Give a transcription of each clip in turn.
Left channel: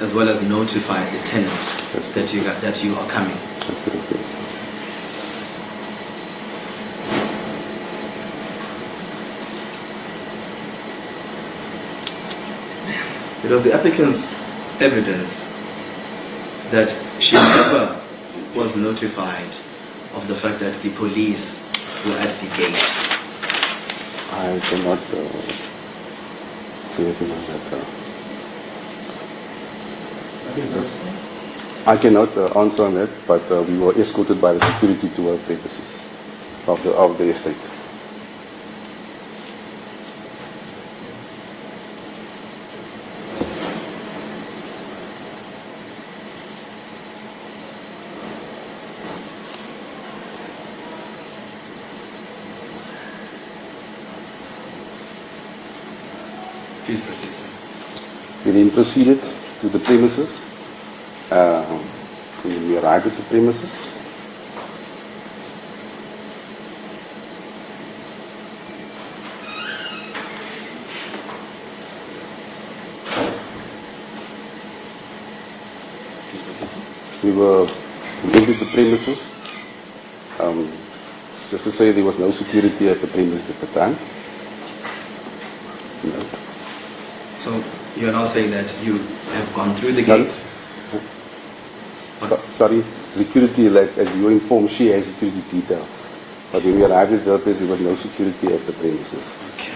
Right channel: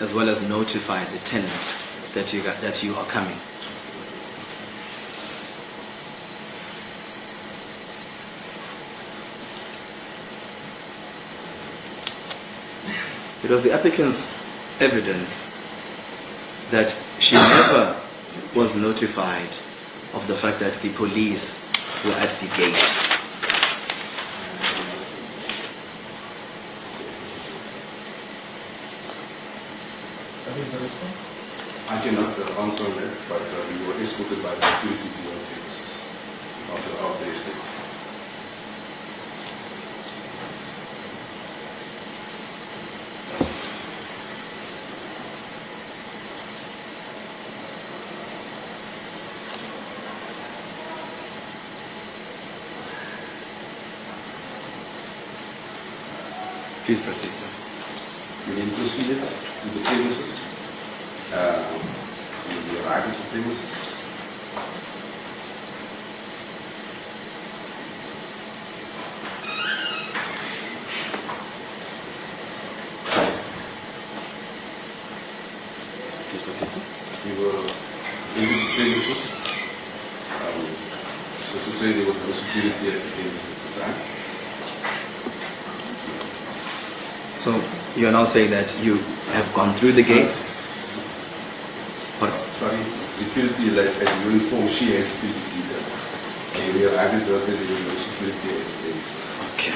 as well as notify the tenant that you are coming. That's correct. Yes. It was the applicant's evidence that she never was notified of the fact that the police were at the gate. I cannot say anything on that. I cannot answer on that, but we were escorted by the security to our premises of the estate. Please proceed, sir. We then proceeded to the premises. We arrived at the premises. Please proceed, sir. We entered the premises. Just to say, there was no security at the premises at the time. So you are now saying that you have gone through the gates? Sorry, security, like as you were informed, she has security detail. But when we arrived at the place, there was no security at the premises. Okay.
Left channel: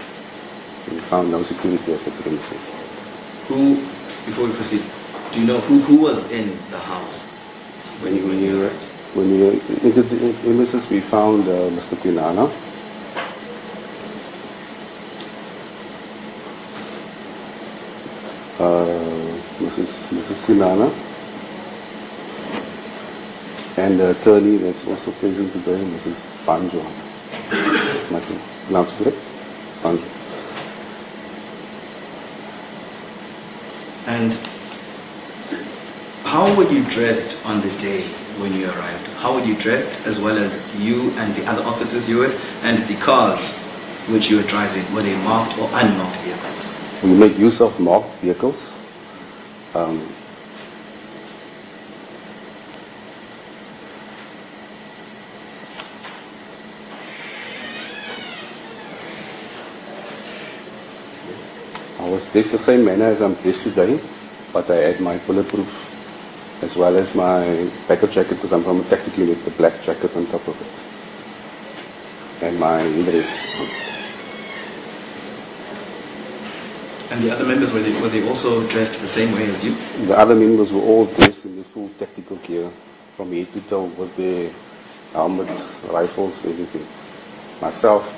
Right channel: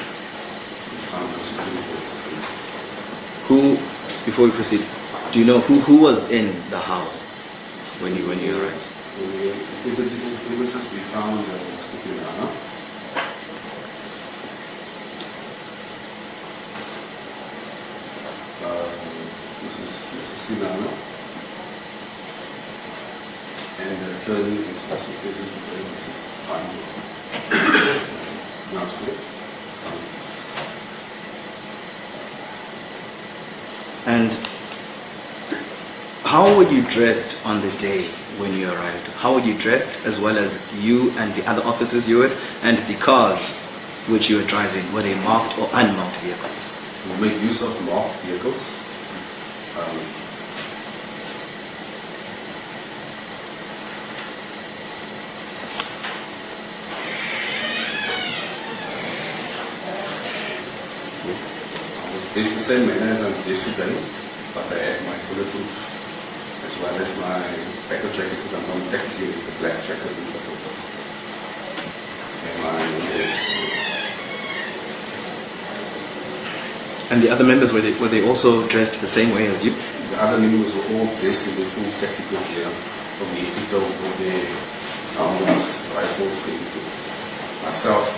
We found no security at the premises. Before we proceed, do you know who was in the house when you arrived? When we entered the premises, we found Mr. Kwinana. Mrs. Kwinana, and the attorney that's also present today, Mrs. Banjo. Now correct? Banjo. And how were you dressed on the day when you arrived? How were you dressed, as well as you and the other officers you were with, and the cars which you were driving? Were they marked or unmarked vehicles? We make use of marked vehicles. Yes. I was dressed the same manner as I'm dressed today, but I had my bulletproof as well as my backup jacket, because I'm from a tactical unit, the black jacket on top of it, and my dress. And the other members, were they also dressed the same way as you? The other members were all dressed in the full tactical gear, from head to toe, with their helmets, rifles, everything. Myself,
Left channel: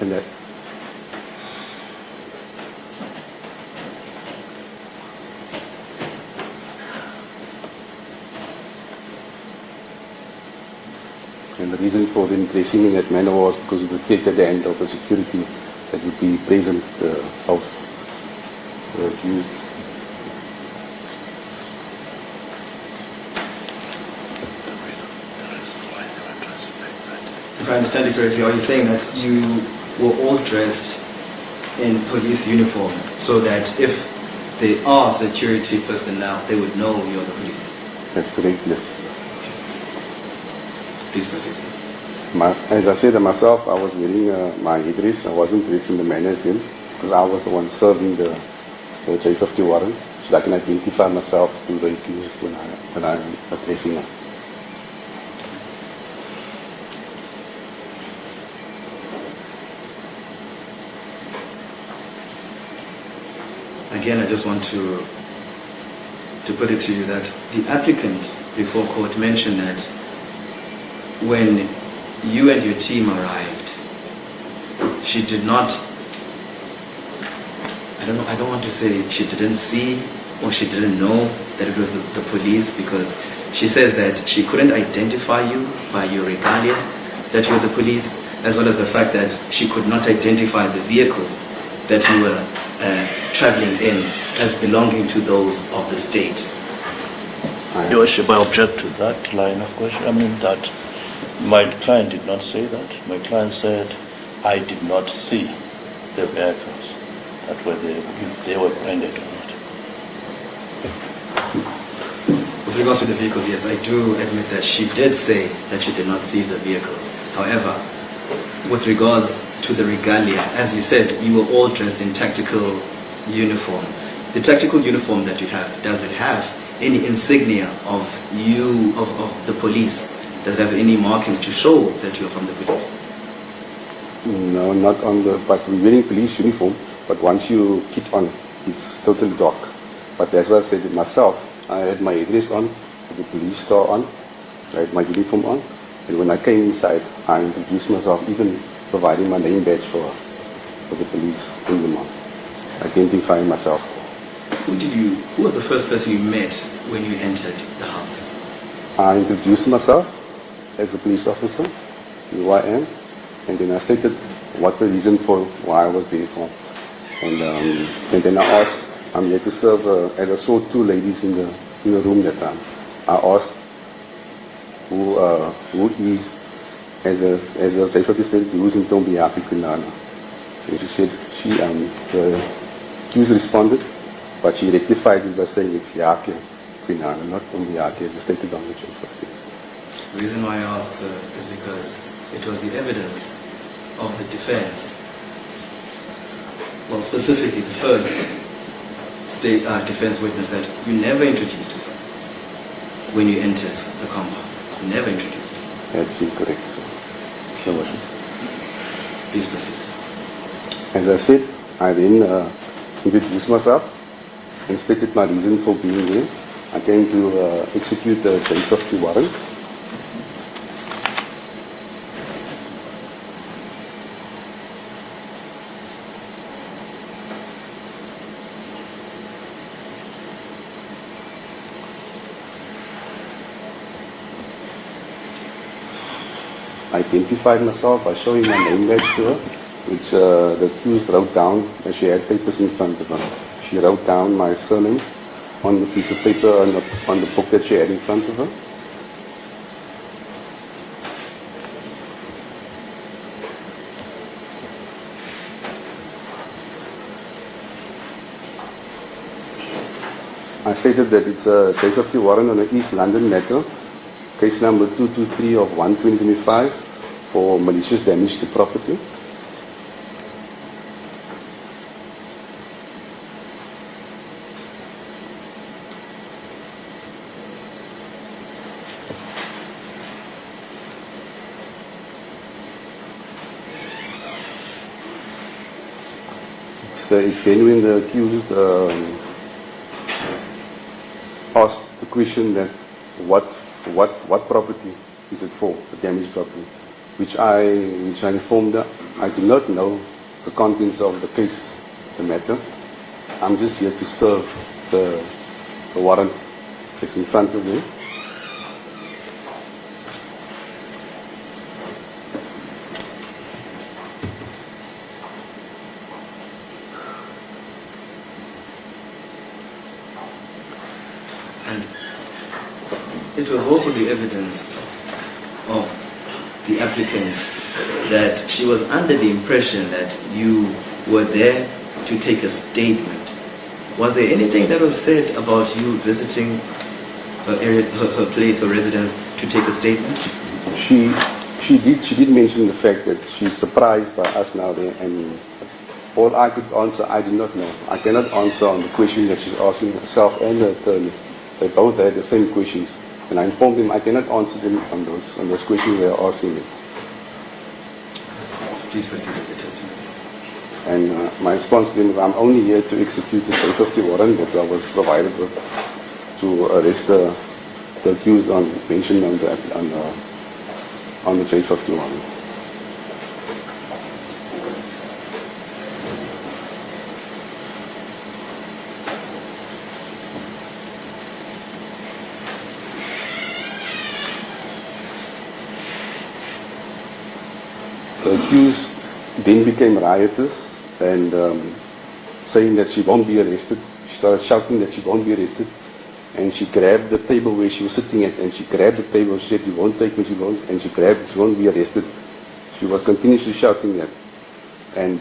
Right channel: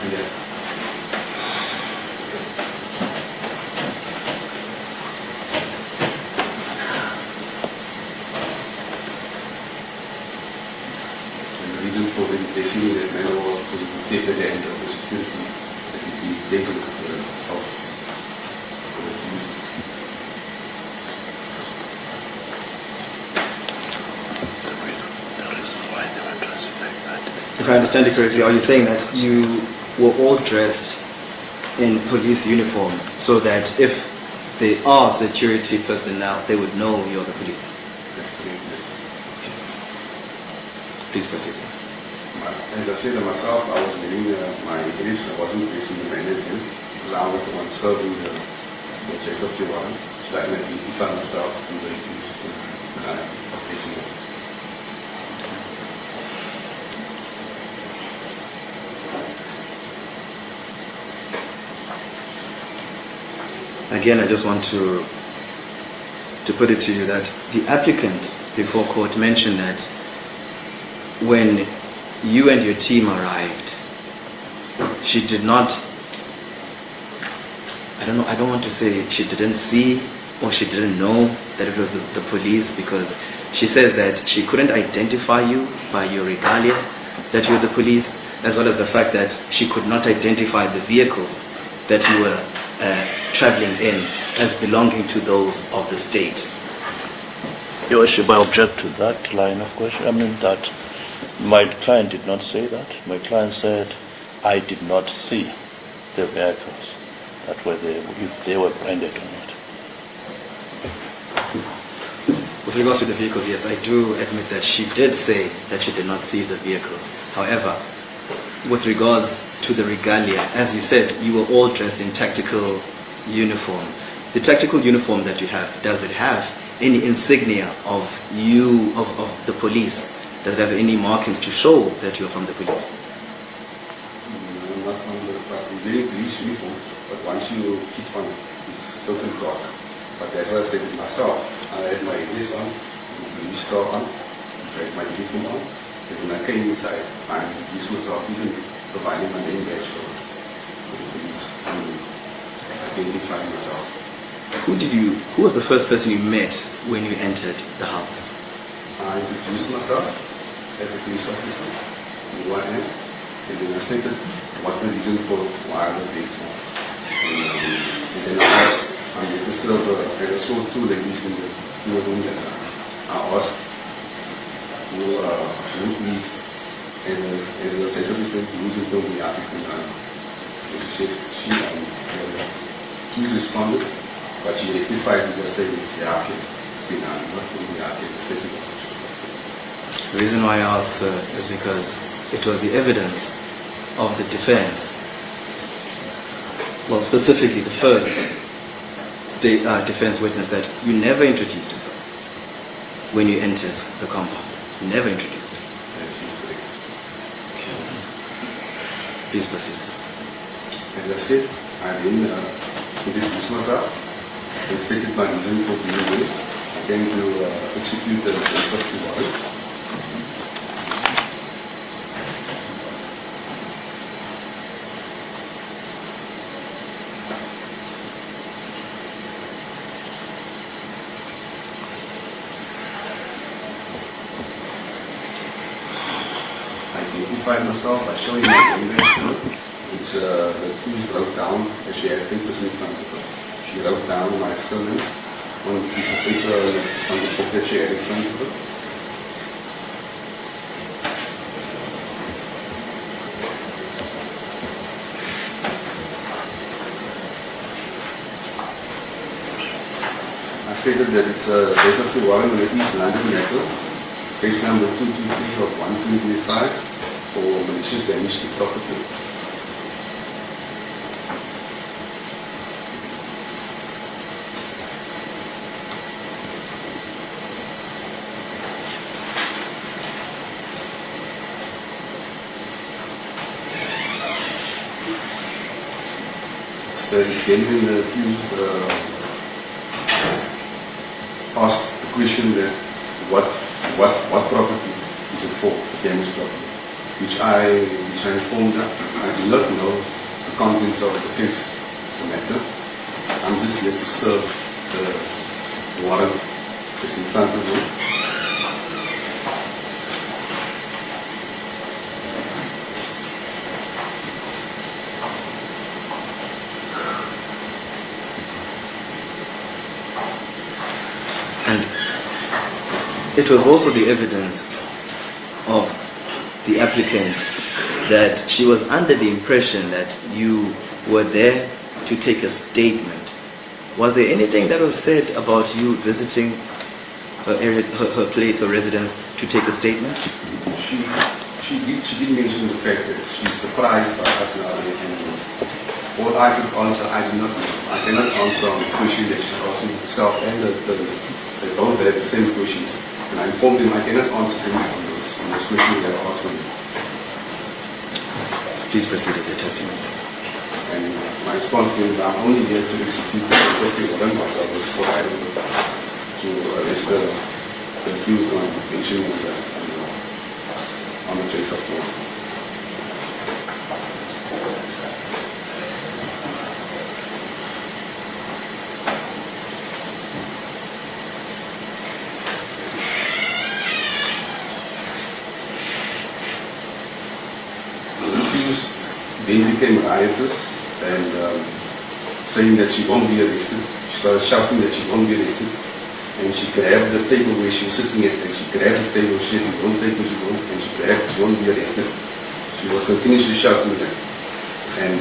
and that. And the reason for them dressing in that manner was because it would take at the end of the security that would be present of used. If I understand you correctly, are you saying that you were all dressed in police uniform so that if there are security personnel, they would know you're the police? That's correct, yes. Please proceed, sir. As I said myself, I was wearing my headdress. I wasn't dressed in the manner as them, because I was the one serving the J50 warrant, so I can identify myself to the accused when I'm addressing them. Again, I just want to put it to you that the applicant before court mentioned that when you and your team arrived, she did not, I don't want to say she didn't see or she didn't know that it was the police, because she says that she couldn't identify you by your regalia, that you're the police, as well as the fact that she could not identify the vehicles that you were traveling in as belonging to those of the state. Your Worship, I object to that line of question. I mean that my client did not say that. My client said, I did not see the vehicles that were there, if they were branded or not. With regards to the vehicles, yes, I do admit that she did say that she did not see the vehicles. However, with regards to the regalia, as you said, you were all dressed in tactical uniform. The tactical uniform that you have, does it have any insignia of you, of the police? Does it have any markings to show that you're from the police? No, not on the, but we're wearing police uniform, but once you keep on, it's totally dark. But as well as I said it myself, I had my headdress on, the police star on, I had my uniform on, and when I came inside, I introduced myself, even providing my name badge for the police in the month, identifying myself. Who was the first person you met when you entered the house? I introduced myself as a police officer, who I am, and then I stated what the reason for why I was there for. And then I asked, I'm here to serve, as I saw two ladies in the room that time. I asked who is, as a chief of the state, who is in Tombi Yakhe Kwinana. And she said, the accused responded, but she rectified it by saying it's Yakhe Kwinana, not Tombi Yakhe, as a stated on the chief of the state. The reason why I asked, sir, is because it was the evidence of the defense, well, specifically the first state defense witness, that you never introduced yourself when you entered the compound. Never introduced. That's incorrect. Okay. Please proceed, sir. As I said, I then introduced myself and stated my reason for being here. I came to execute the 1050 warrant. I identified myself by showing my name badge to her, which the accused wrote down, and she had papers in front of her. She wrote down my surname on a piece of paper on the book that she had in front of her. I stated that it's a 1050 warrant on the East London matter, case number 223 of 125 for malicious damage to property. It's then when the accused asked the question that what property is it for, the damaged property, which I informed her. I do not know the contents of the case, the matter. I'm just here to serve the warrant that's in front of me. And it was also the evidence of the applicant that she was under the impression that you were there to take a statement. Was there anything that was said about you visiting her area, her place or residence to take a statement? She did mention the fact that she's surprised by us now, and all I could answer, I do not know. I cannot answer on the question that she's asking herself and the attorney. They both had the same questions, and I informed them I cannot answer them on those questions they are asking me. Please proceed with the testimony. And my response to them is, I'm only here to execute the 1050 warrant that I was provided with to arrest the accused on detention on the 1050 warrant. The accused then became riotous and saying that she won't be arrested. She started shouting that she won't be arrested. And she grabbed the table where she was sitting at, and she grabbed the table. She said, "You won't take me, she won't." And she grabbed, "She won't be arrested." She was continuously shouting that. And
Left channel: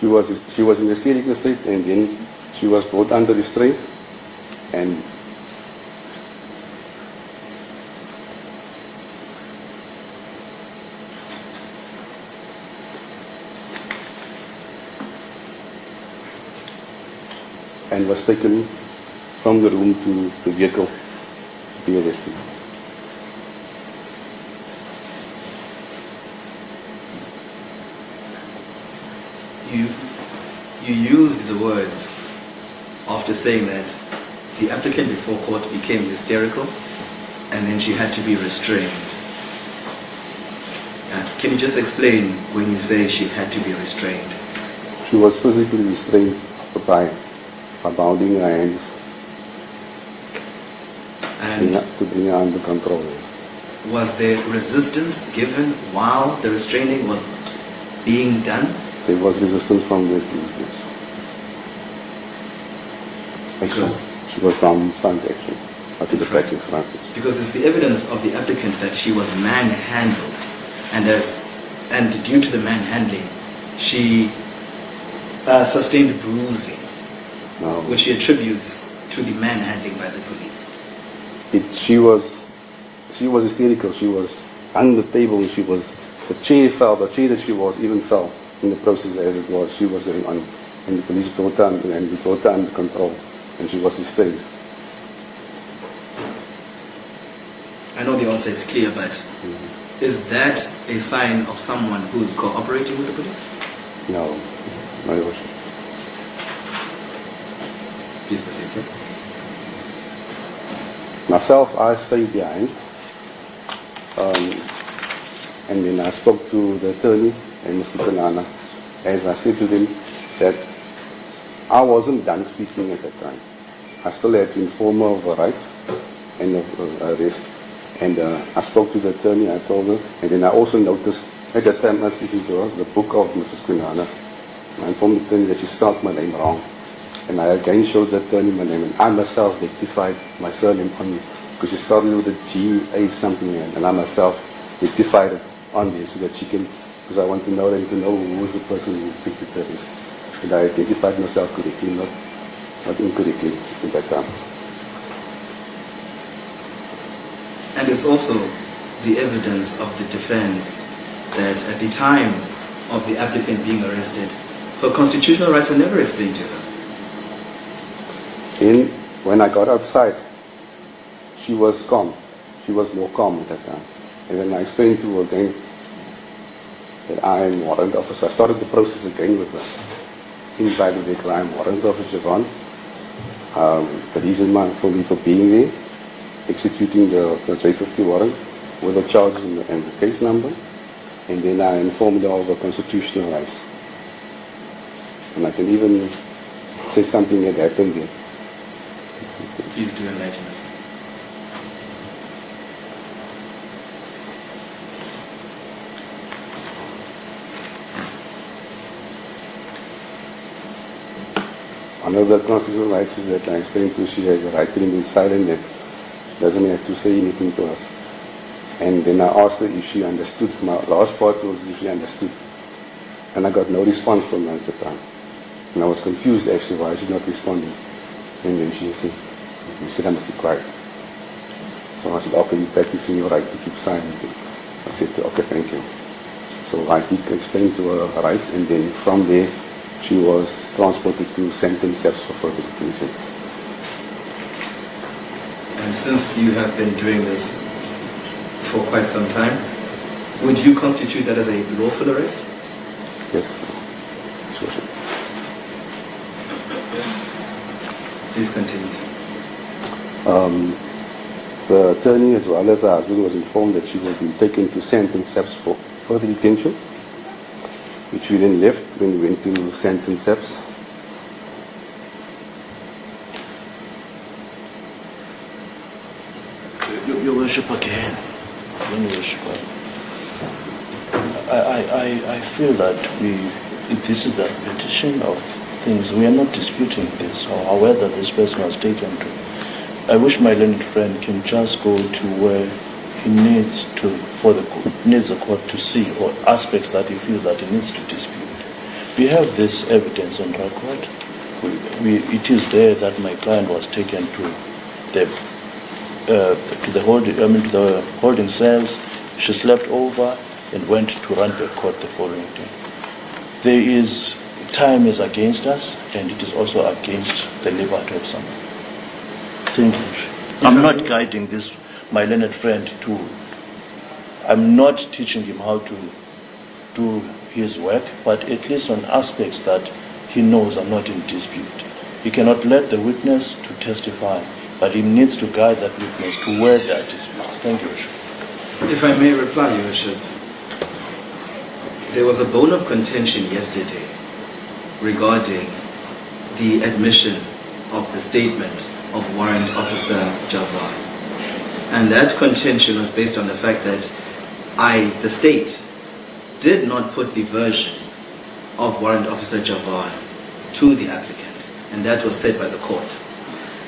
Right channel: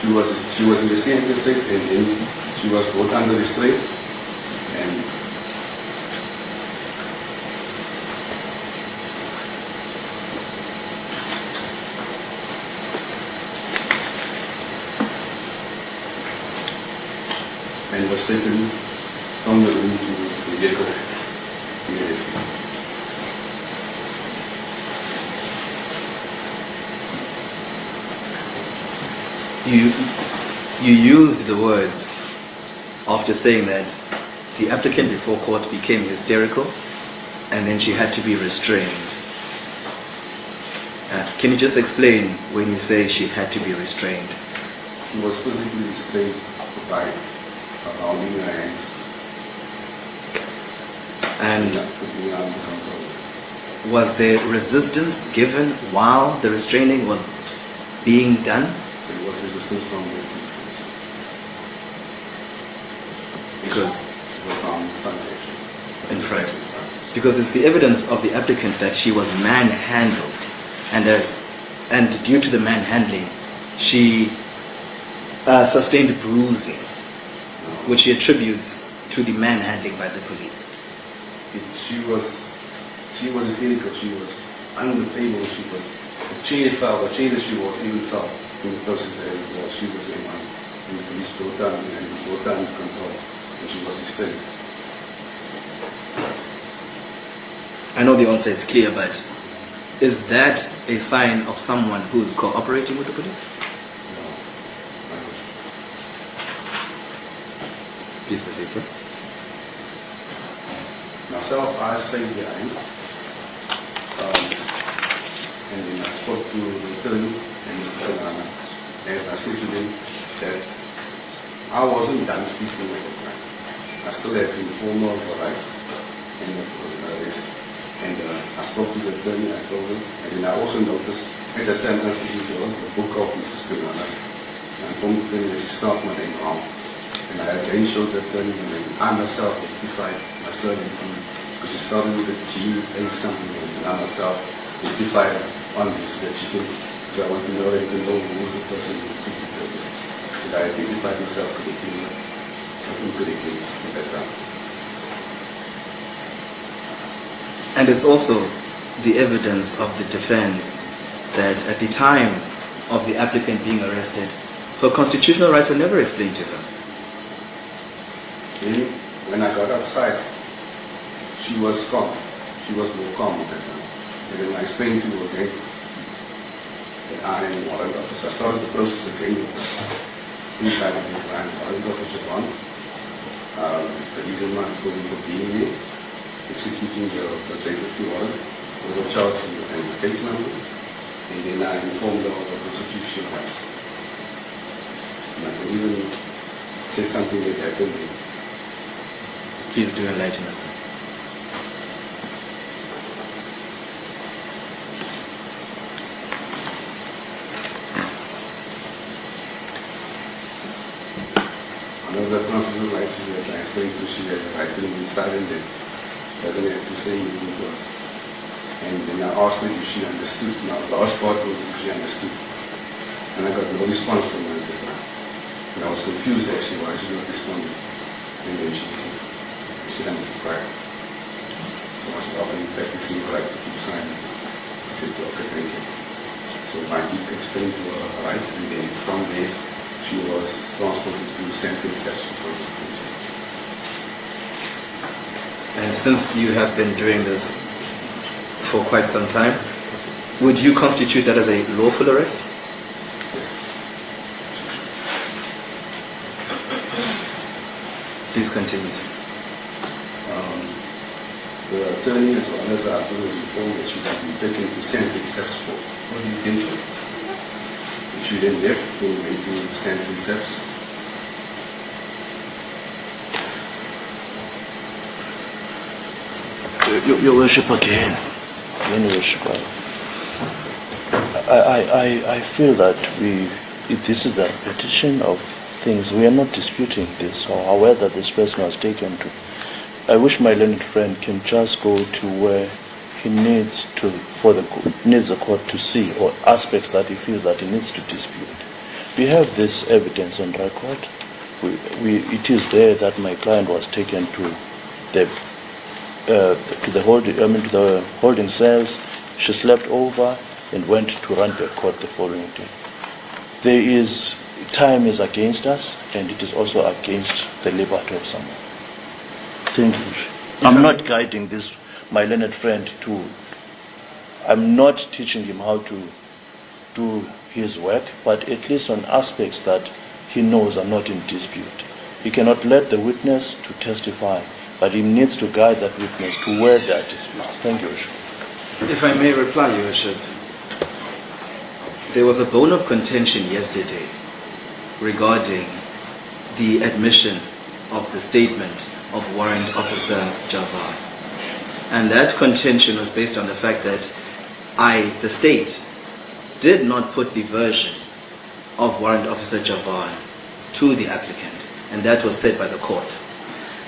she was in the state, and then she was brought under restraint. And was taken from the room to the vehicle to be arrested. You used the words after saying that the applicant before court became hysterical and then she had to be restrained. Can you just explain when you say she had to be restrained? She was physically restrained by bounding her hands and to bring her under control. Was there resistance given while the restraining was being done? There was resistance from the accused. Because she was bound in front, actually. In front. Because it's the evidence of the applicant that she was manhandled, and due to the manhandling, she sustained bruising, which she attributes to the manhandling by the police. She was hysterical. She was under the table. The chair fell. The chair that she was even fell in the process as it was. She was going on, and the police brought her under control, and she was restrained. I know the answer is clear, but is that a sign of someone who is cooperating with the police? No. No. Please proceed, sir. Myself, I stayed behind, and then I spoke to the attorney and Mr. Kwinana, as I said to them that I wasn't done speaking at that time. I still had to inform her of her rights and of arrest. And I spoke to the attorney, I told her, and then I also noticed at that time I was speaking to her, the book of Mrs. Kwinana. I informed the attorney that she spelled my name wrong. And I again showed the attorney my name, and I myself rectified my surname on me, because she spelled it with a G-A something, and I myself rectified it on me so that she can, because I want to know and to know who was the person who took the terrorist. And I identified myself correctly, not incorrectly at that time. And it's also the evidence of the defense that at the time of the applicant being arrested, her constitutional rights were never explained to her. Then, when I got outside, she was calm. She was more calm at that time. And then I explained to her again that I am warrant officer. I started the process again with her. Invited the client, warrant officer on. The reason for being there, executing the J50 warrant with a charge and the case number. And then I informed her of the constitutional rights. And I can even say something that happened there. Please do enlighten us. One of the constitutional rights is that I explained to she has the right to remain silent, that doesn't have to say anything to us. And then I asked her if she understood. My last part was if she understood. And I got no response from her at the time. And I was confused actually why she not responded. And then she said, "You should understand quiet." So I said, "Okay, you're practicing your right to keep silent." I said, "Okay, thank you." So I did explain to her her rights, and then from there she was transported to St. Steps for further detention. And since you have been doing this for quite some time, would you constitute that as a lawful arrest? Yes. Yes, Worship. Please continue. The attorney as well as her husband was informed that she would be taken to St. Steps for further detention, which we then left when we went to St. Steps. Your Worship, again, Your Worship, I feel that this is a repetition of things. We are not disputing this, or however this person was taken to. I wish my learned friend can just go to where he needs to, needs the court to see, or aspects that he feels that he needs to dispute. We have this evidence on record. It is there that my client was taken to the holding cells. She slept over and went to Randburg Court the following day. Time is against us, and it is also against the liberty of someone. Thank you. I'm not guiding my learned friend I'm not teaching him how to do his work, but at least on aspects that he knows are not in dispute. He cannot let the witness to testify, but he needs to guide that witness to where there are disputes. Thank you, Worship. If I may reply, Your Worship, there was a bone of contention yesterday regarding the admission of the statement of Warrant Officer Javan. And that contention was based on the fact that the state, did not put the version of Warrant Officer Javan to the applicant, and that was said by the court.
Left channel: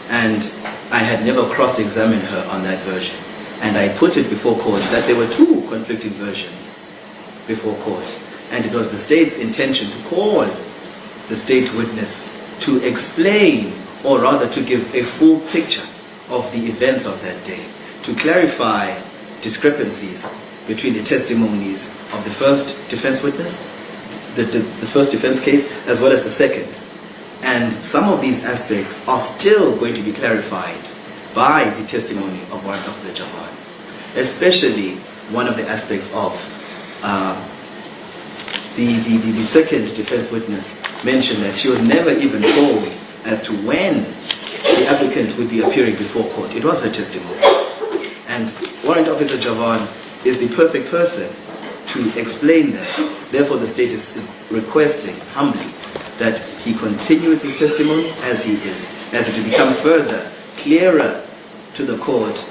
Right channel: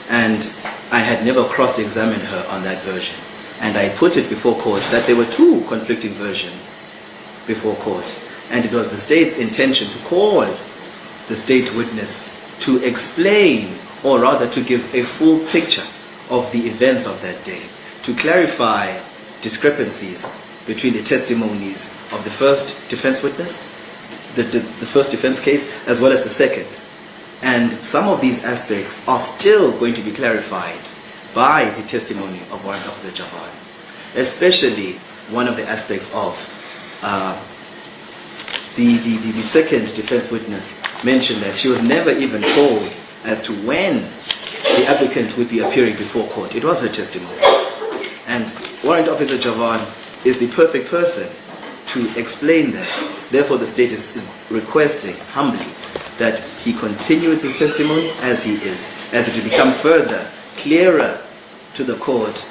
And I had never cross-examined her on that version. And I put it before court that there were two conflicting versions before court. And it was the state's intention to call the state witness to explain, or rather to give a full picture of the events of that day, to clarify discrepancies between the testimonies of the first defense witness, the first defense case, as well as the second. And some of these aspects are still going to be clarified by the testimony of Warrant Officer Javan, especially one of the aspects of the second defense witness mentioned that she was never even told as to when the applicant would be appearing before court. It was her testimony. And Warrant Officer Javan is the perfect person to explain that. Therefore, the state is requesting humbly that he continue with his testimony as he is, as it will become further clearer to the court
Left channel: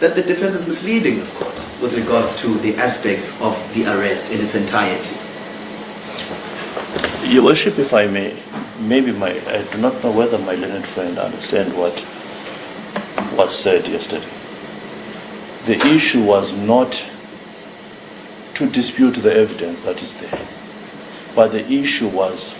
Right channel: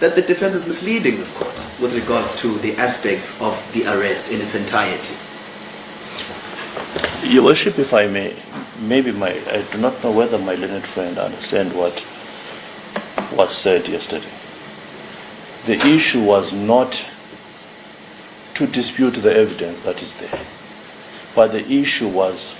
that the defense is misleading this court with regards to the aspects of the arrest in its entirety. Your Worship, if I may, I do not know whether my learned friend understand what was said yesterday. The issue was not to dispute the evidence that is there, but the issue was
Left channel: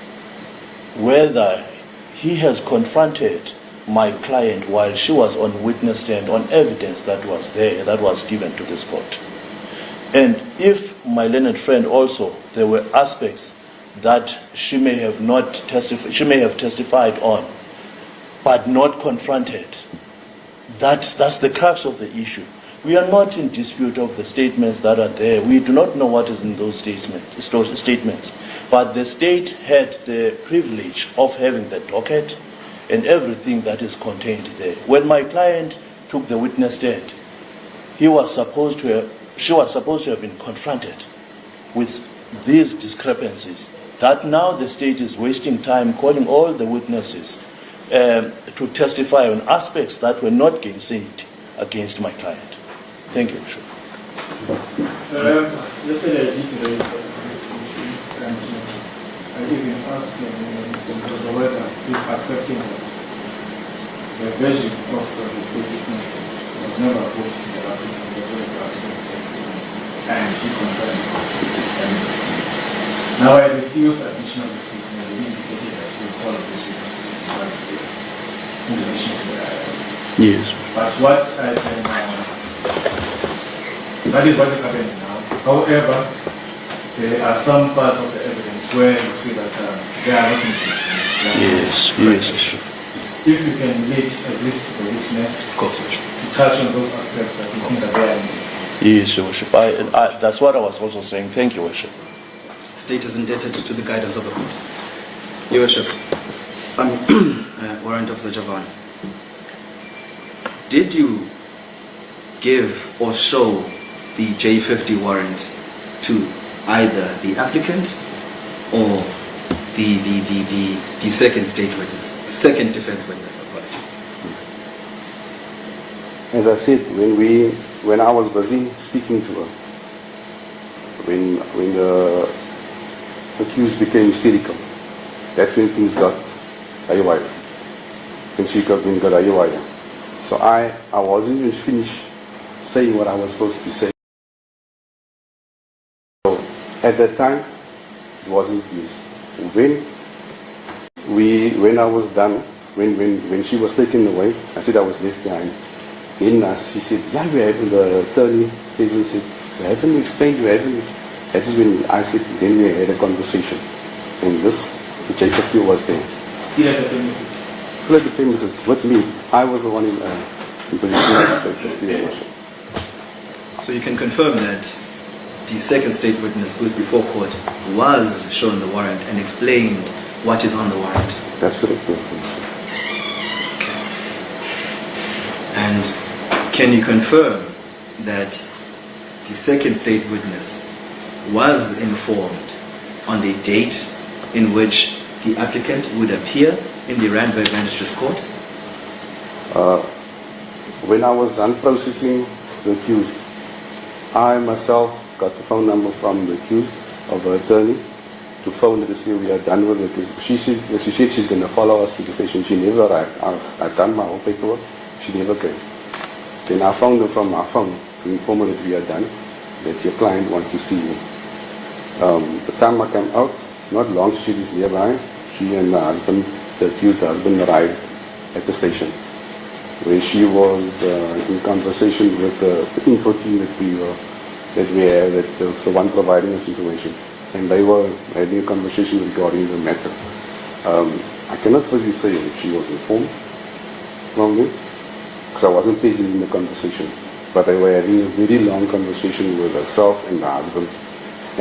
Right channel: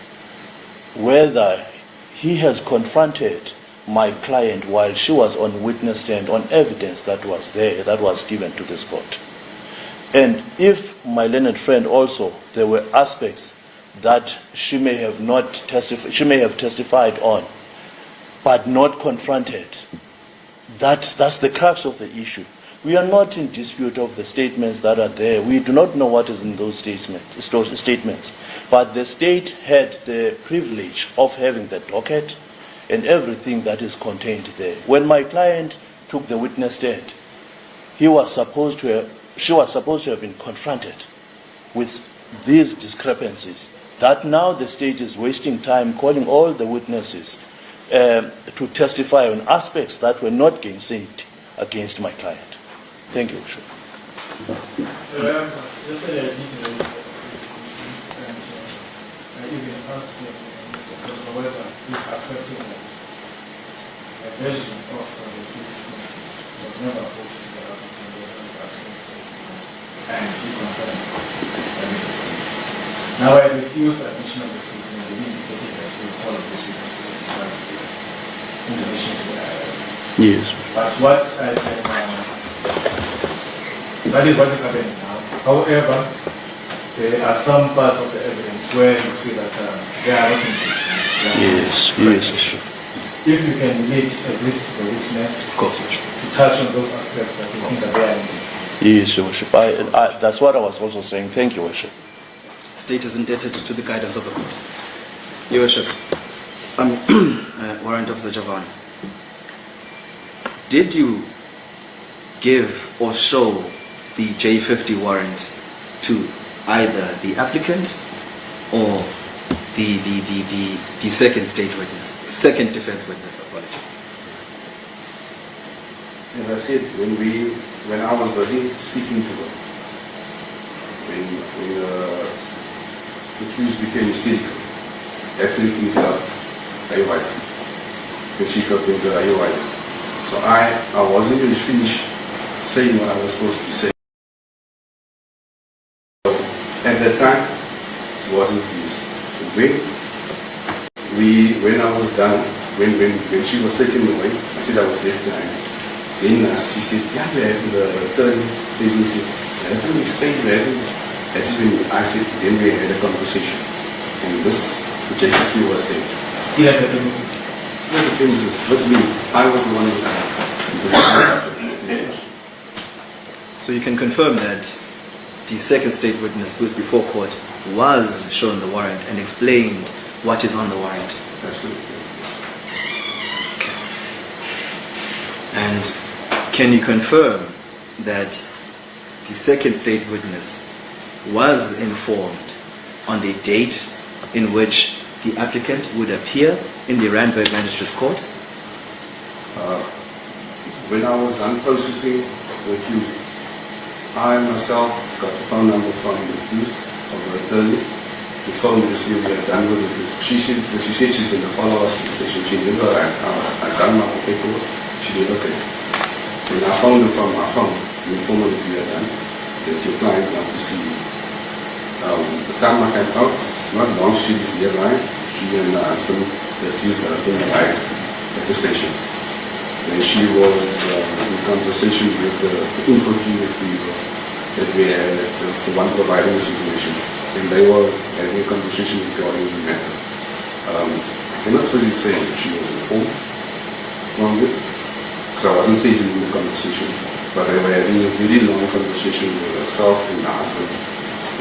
whether he has confronted my client while she was on witness stand on evidence that was there, that was given to this court. And if my learned friend also, there were aspects that she may have testified on, but not confronted. That's the crux of the issue. We are not in dispute of the statements that are there. We do not know what is in those statements. But the state had the privilege of having the docket and everything that is contained there. When my client took the witness stand, she was supposed to have been confronted with these discrepancies. That now the state is wasting time calling all the witnesses to testify on aspects that were not gainsaid against my client. Thank you, Bishop. Just said I need to raise this issue, and I even asked Mr. Zozo whether he's accepting the version of the state witnesses was never approved to the applicant as well as the applicant's state witnesses, and she confirmed that is the case. Now I refuse admission of the statement. They indicated that she will call this witness in relation to the arrest. Yes. But what I can that is what is happening now. However, there are some parts of the evidence where you see that they are not in dispute. Yes, yes. If you can relate at least the witness, Of course, to touch on those aspects that you think that they are in dispute. Yes, Your Worship. That's what I was also saying. Thank you, Worship. State is indebted to the guidance of the court. Your Worship, Warrant Officer Javan, did you give or show the J50 warrant to either the applicant or the second state witness, second defense witness, apologies? As I said, when I was busy speaking to her, when the accused became hysterical, that's when things got haywire. And she got me got haywire. So I wasn't even finished saying what I was supposed to say. So at that time, it wasn't pleased. When I was done, when she was taken away, I said I was left behind. Then she said, yeah, we're having the attorney agency. I haven't explained to having. That's when I said, then we had a conversation. And this, the JFP was there. Still at the premises. Still at the premises. With me, I was the one who So you can confirm that the second state witness who is before court was shown the warrant and explained what is on the warrant. That's correct. Okay. And can you confirm that the second state witness was informed on the date in which the applicant would appear in the Randburg Magistrates Court? When I was done processing the accused, I myself got the phone number from the accused of her attorney to phone to see if we had done with it. She said she's going to follow us to the station. She never, I've done my whole paperwork. She never came. Then I phoned her from my phone to inform her that we had done, that your client wants to see you. The time I came out, not long, she is nearby. She and the husband, the accused husband, arrived at the station. When she was in conversation with the info team that we had, that was the one providing the situation, and they were having a conversation regarding the matter. I cannot really say if she was informed from it, because I wasn't present in the conversation, but they were having a very long conversation with herself and her husband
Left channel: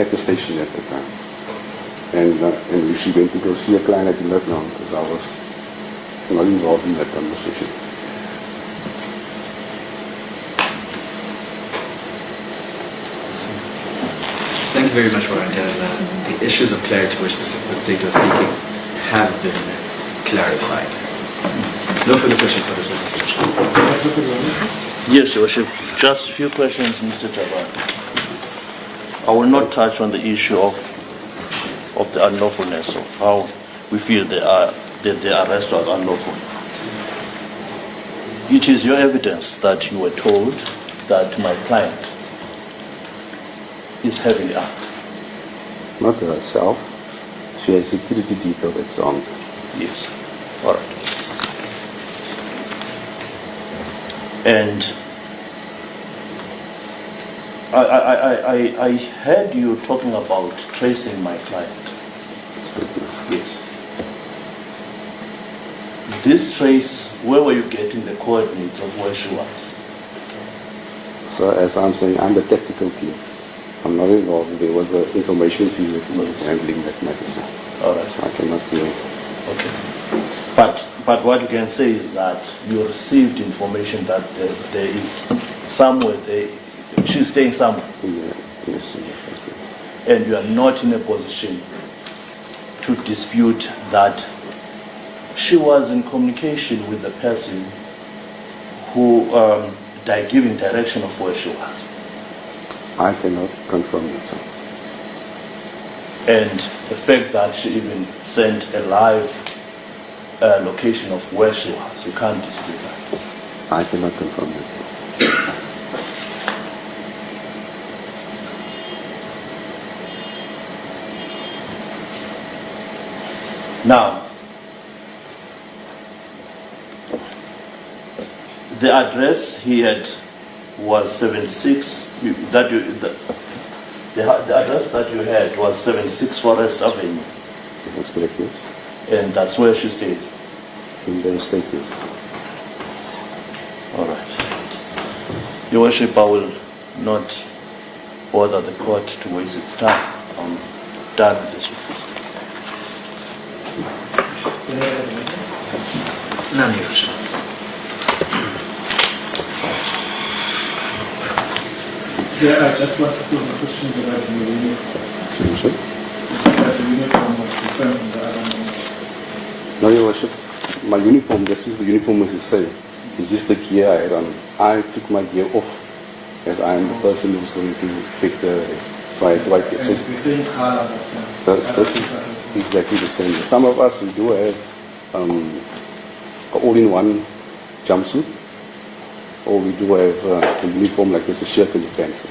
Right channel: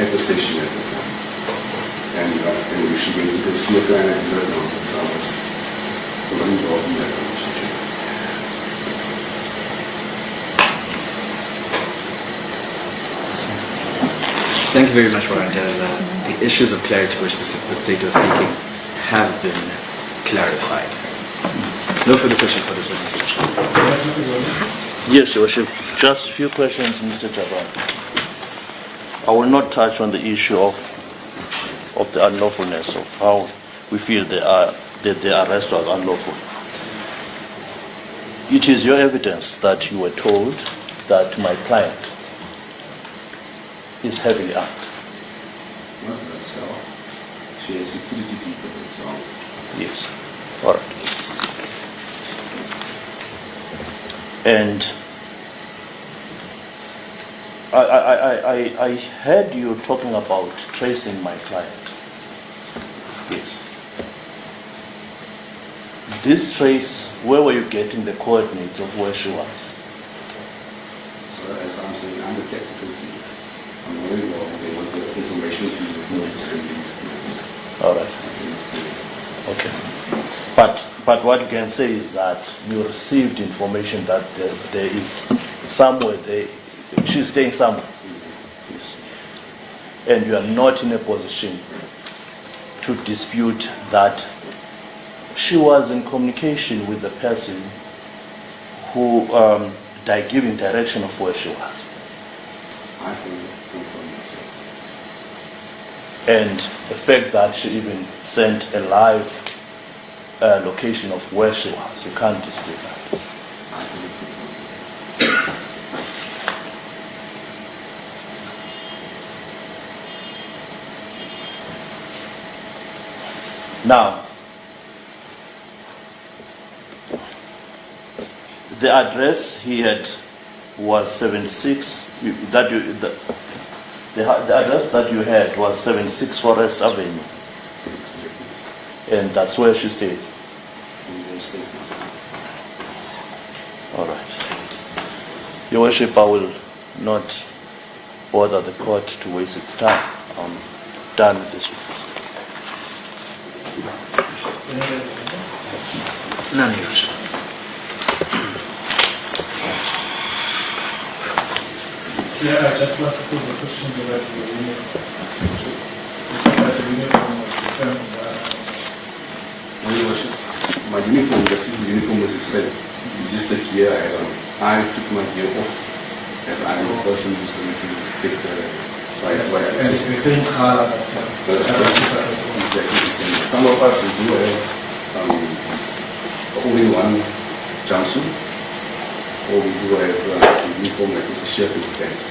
at the station at the time. And if she went to go see a client, I did not know, because I was not involved in that conversation. Thank you very much, Warrant. As the issues of clarity which the state was seeking have been clarified. No further questions for this witness. Yes, Your Worship. Just a few questions, Mr. Jabbar. I will not touch on the issue of the unlawfulness of how we feel that the arrest was unlawful. It is your evidence that you were told that my client is heavily armed. Not herself. She has security detail that's on. Yes. All right. And I heard you talking about tracing my client. Yes. This trace, where were you getting the coordinates of where she was? So as I'm saying, I'm the technical team. I'm not involved. There was an information team that was handling that matter. All right. I cannot do it. Okay. But what you can say is that you received information that there is somewhere she's staying somewhere. Yes. And you are not in a position to dispute that she was in communication with the person who giving direction of where she was. I cannot confirm it, sir. And the fact that she even sent a live location of where she was, you can't dispute that. I cannot confirm it, sir. Now, the address he had was 76. The address that you had was 76 Forest Avenue, That's correct, yes. and that's where she stayed. In the estate, yes. All right. Your Worship, I will not bother the court to waste its time. I'm done with this witness. None, Your Worship. Sir, I just want to pose a question regarding the uniform. That the uniform was different from the other members. No, Your Worship. My uniform, this is the uniform as you say. Is this the gear I had on? I took my gear off as I'm the person who's going to fit the right. And it's the same color That's exactly the same. Some of us we do have only one jumpsuit, or we do have a uniform like this, a shirt and pants.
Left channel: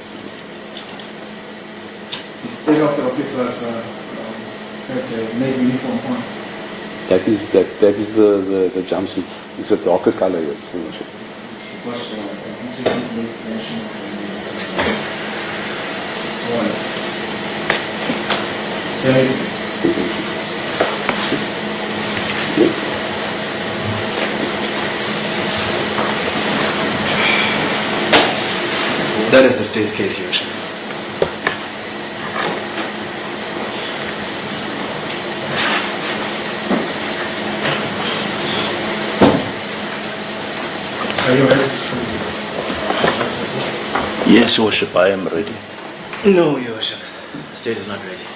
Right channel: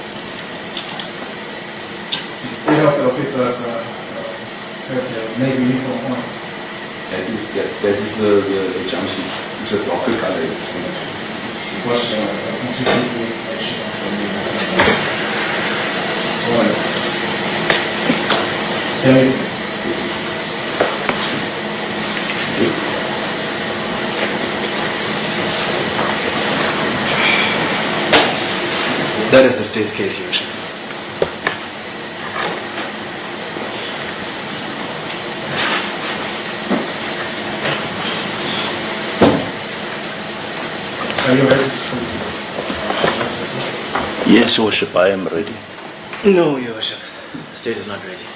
Any of the officers have a navy uniform on. That is the jumpsuit. It's a darker color. It's Because constitutionally mention of the navy. Alright. There is. That is the state's case, Your Worship. Are you ready? Yes, Your Worship, I am ready. No, Your Worship. The state is not ready.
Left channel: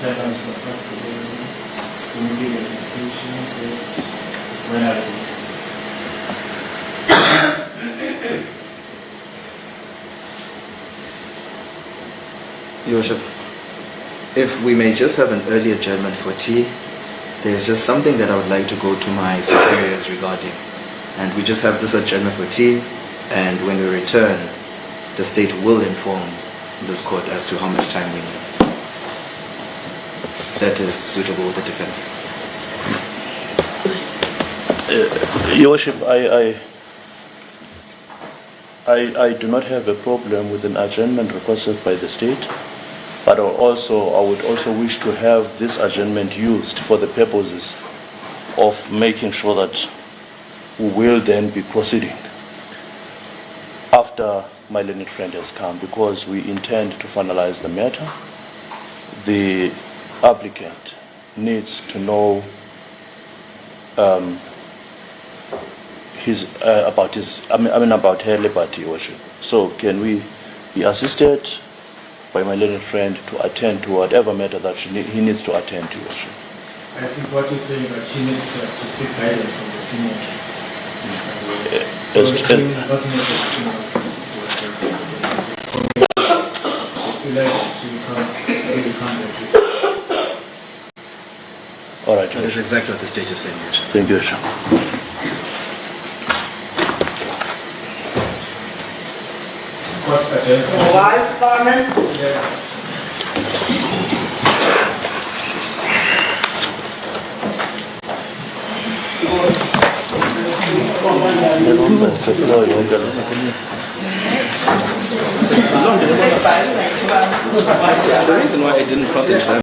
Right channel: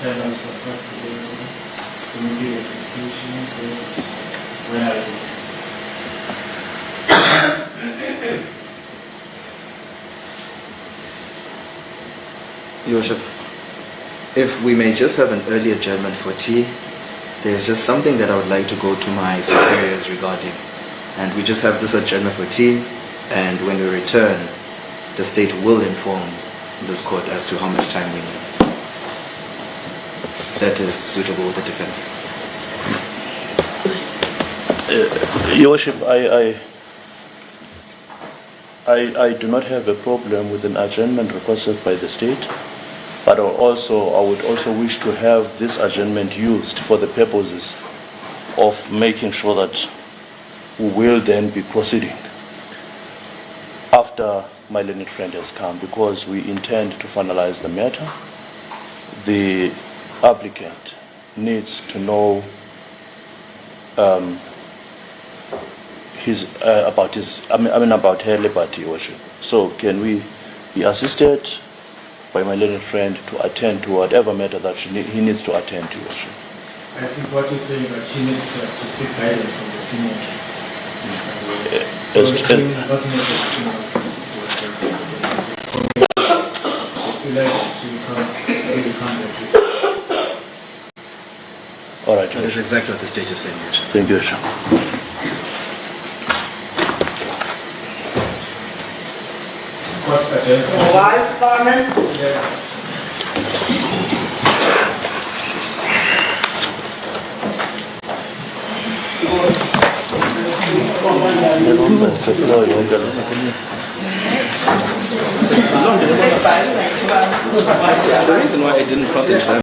Tell us what the immediate application is. When are you? Your Worship, if we may just have an early adjournment for tea, there's just something that I would like to go to my superiors regarding. And we just have this adjournment for tea, and when we return, the state will inform this court as to how much time we need. If that is suitable with the defense. Your Worship, I do not have a problem with an adjournment requested by the state, but I would also wish to have this adjournment used for the purposes of making sure that we will then be proceeding after my learned friend has come, because we intend to finalize the matter. The applicant needs to know about her liberty, Your Worship. So can we be assisted by my learned friend to attend to whatever matter that he needs to attend to, Your Worship? I think what he's saying that she needs to seek guidance from the senior. So As- the team is not in a position All right, Your That is Worship. exactly what the state is saying, Your Worship. Thank you, Your Worship. What agenda? Wise, Foreman? Yeah. The reason why I didn't cross-examine